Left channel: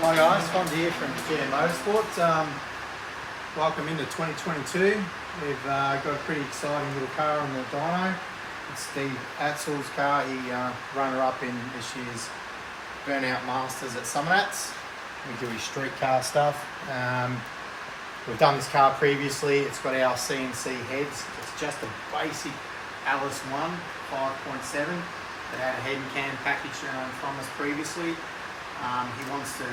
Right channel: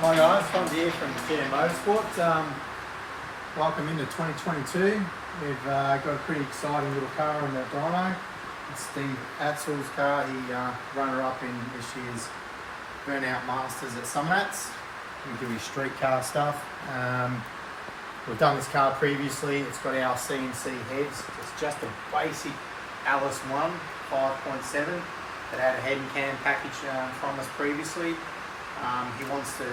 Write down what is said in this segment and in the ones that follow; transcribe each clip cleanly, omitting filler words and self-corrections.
Hi guys, Fonz here from GM Motorsport. Welcome into 2022. We've got a pretty exciting little car in the dyno. It's Steve Atzel's car. He runner-up in this year's Burnout Masters at Summernats. We do his street car stuff. We've done this car previously. It's got our CNC heads. It's just a basic Alice 1 5.7 that had a head and cam package from us previously. He wants to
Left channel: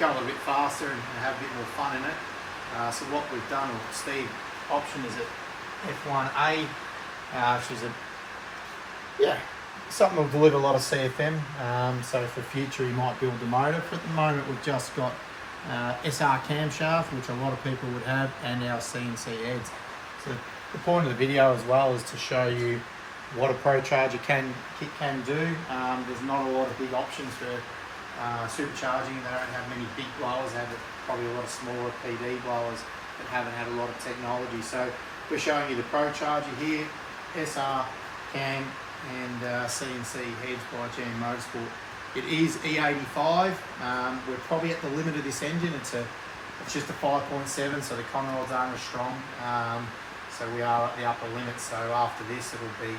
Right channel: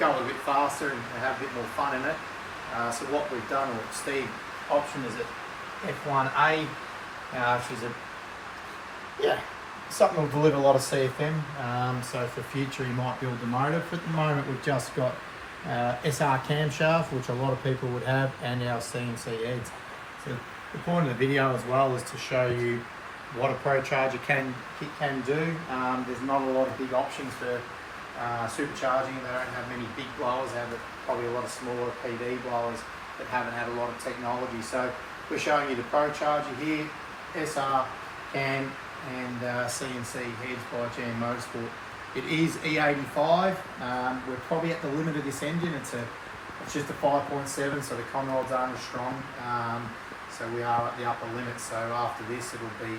go a little bit faster and have a bit more fun in it. So what we've done, or Steve option, is at F1A, something will deliver a lot of CFM. So for future he might build the motor. For the moment we've just got SR camshaft, which a lot of people would have, and our CNC heads. So the point of the video as well is to show you what a Pro Charger can do. There's not a lot of big options for supercharging. They don't have many big blowers. They have probably a lot of smaller PV blowers that haven't had a lot of technology. So we're showing you the Pro Charger here, SR cam and CNC heads by GM Motorsport. It is E85. We're probably at the limit of this engine. It's just a 5.7, so the conrods aren't as strong. So we are at the upper limit. So after this, it'll be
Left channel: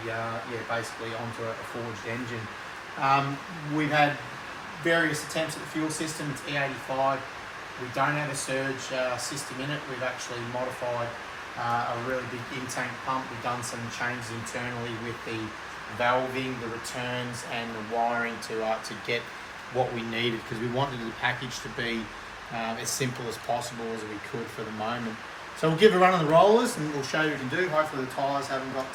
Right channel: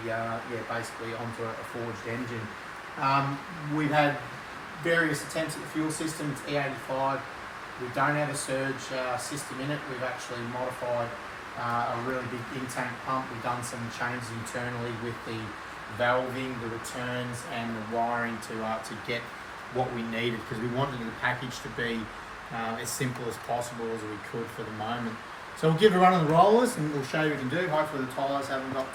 basically onto a forged engine. We've had various attempts at the fuel system. It's E85. We don't have a surge system in it. We've actually modified a really big in-tank pump. We've done some changes internally with the valving, the returns and the wiring to get what we needed, because we wanted the package to be as simple as possible as we could for the moment. So we'll give a run on the rollers and we'll show you what we can do. Hopefully the tyres haven't got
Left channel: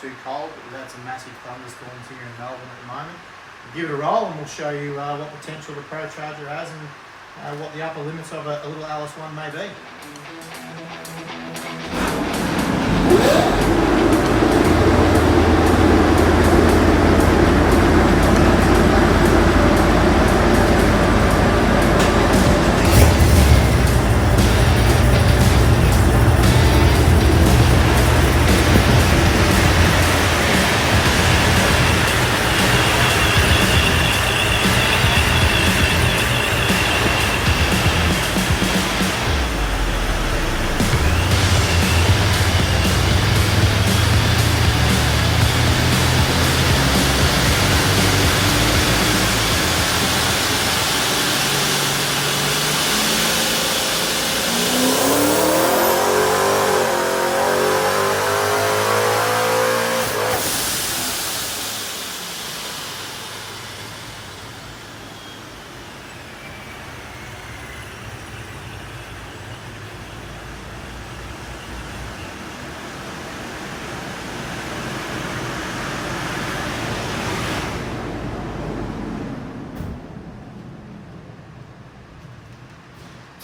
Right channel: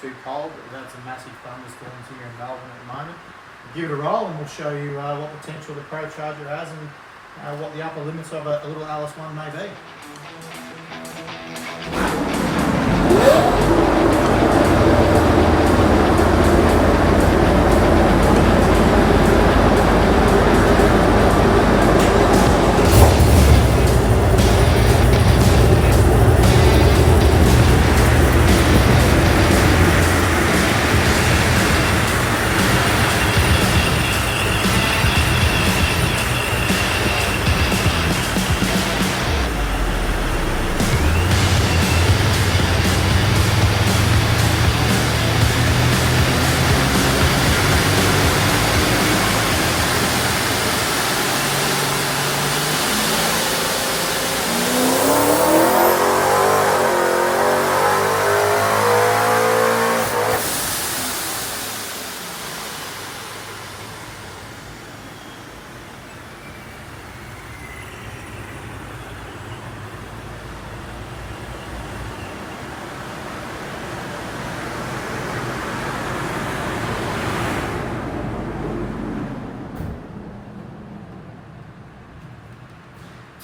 too cold, but we've had some massive thunderstorms here in Melbourne at the moment. We'll give it a roll and we'll show you what potential the Pro Charger has and what the upper limits of a little Alice 1 may be.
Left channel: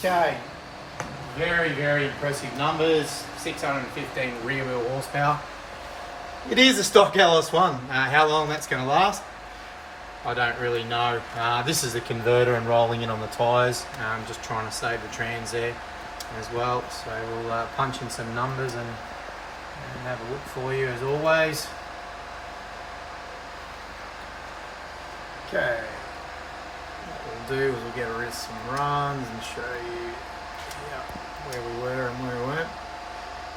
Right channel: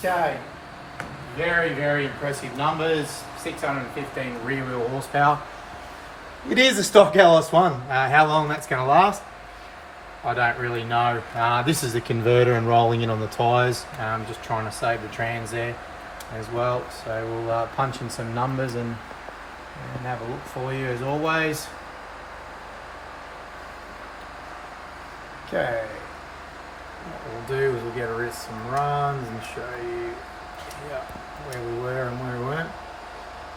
Okay, very impressive numbers. 615 rear wheel horsepower. It is a stock LS1. How long that's going to last, I don't really know. This is the converter and rolling in on the tyres. Just trying to save the trans there as well. So we'll punch in some numbers and have a look for you as always. Okay. What we'll do is we'll get rid of some runs and show you where we were and where we weren't.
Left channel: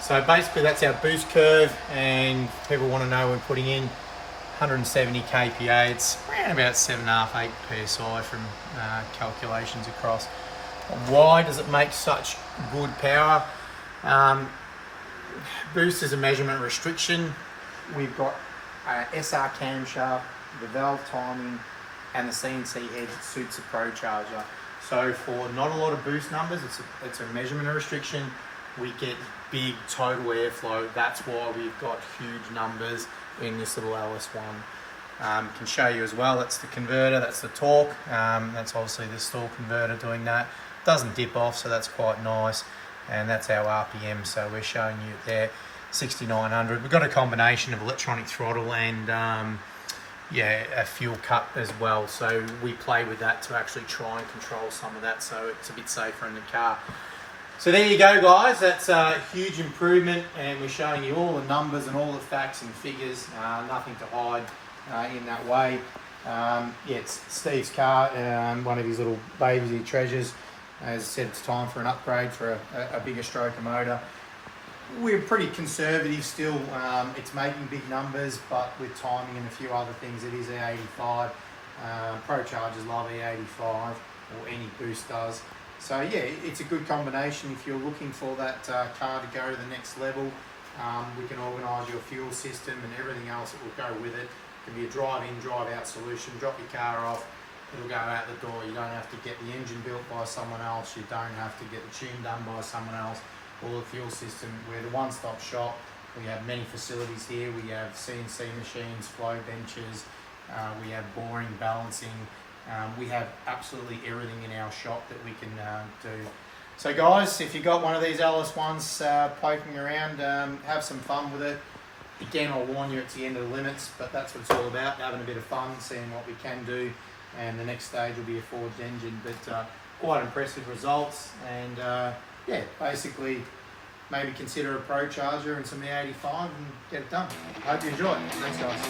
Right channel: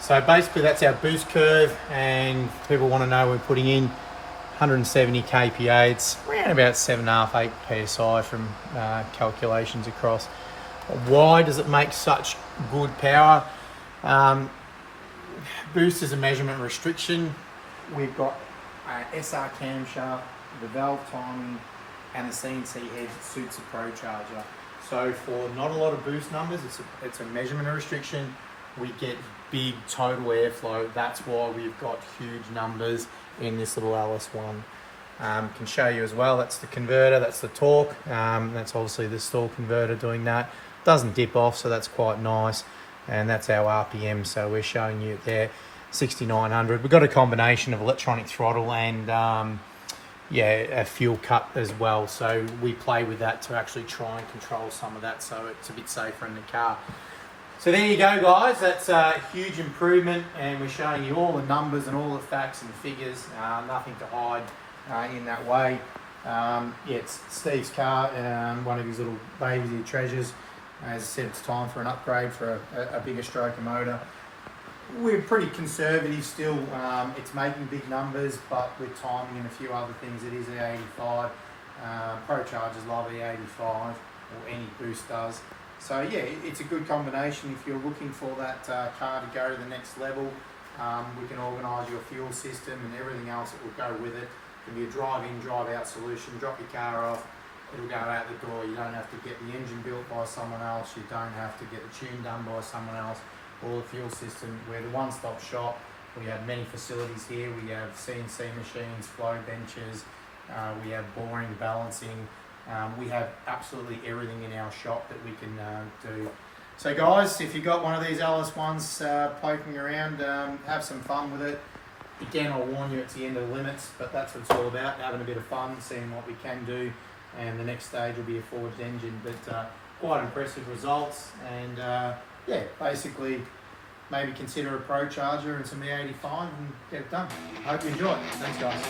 So basically that's our boost curve, and people want to know we're putting in 170 kPa. It's around about 7.5, 8 psi from calculations across. Why does it make such good power? Boost is a measurement restriction. We've got SR camshaft, the valve timing, and the CNC heads. It suits a Pro Charger. So for not a lot of boost numbers, it's a measurement restriction. We get big total airflow. That's why we've got huge numbers in this little LS1. Can show you as well, that's the converter, that's the torque. That's obviously the stall converter doing that. Doesn't dip off, so that's quite nice. And that's our RPM, so we're showing you there, 6,900. We've got a combination of electronic throttle and a fuel cut as well, so we play with that to actually try and control some of that, so it's a bit safer in the car. So there you go guys, that's a huge improvement, and we're showing you all the numbers and all the facts and figures, nothing to hide in that way. Yeah, it's Steve's car, one of his little babies he treasures. As I said, it's time for an upgrade for a bigger stroker motor. We're pretty conservative still. It's making big numbers, but with timing and a few other things, it is E85. Pro Chargers love E85, or any boost does. So yeah, it's a good combination if you're looking for that car to go to the next level. We can organise your fuel system and everything else that will go with it. It can be a drive-in, drive-out solution. Drop your car off, it'll go out the door. You don't have to get the engine built by someone else. You don't have to get the tune done by someone else. Or the fuel system. We're the one-stop shop. We have many facilities here. We have CNC machines, flow benches. We have boring, balancing. We have absolutely everything in our shop that we can do. So guys, if you got one of these LS1s poking around, have some fun with it. Again, I'll warn you, it's the end of the limits, but that's what it's all about, having a bit of fun, seeing what we can do. And the next stage will be a forged engine, but quite impressive results. And yeah, basically, maybe consider a Pro Charger and some E85 and get it done. Hope you enjoy it. Thanks, guys.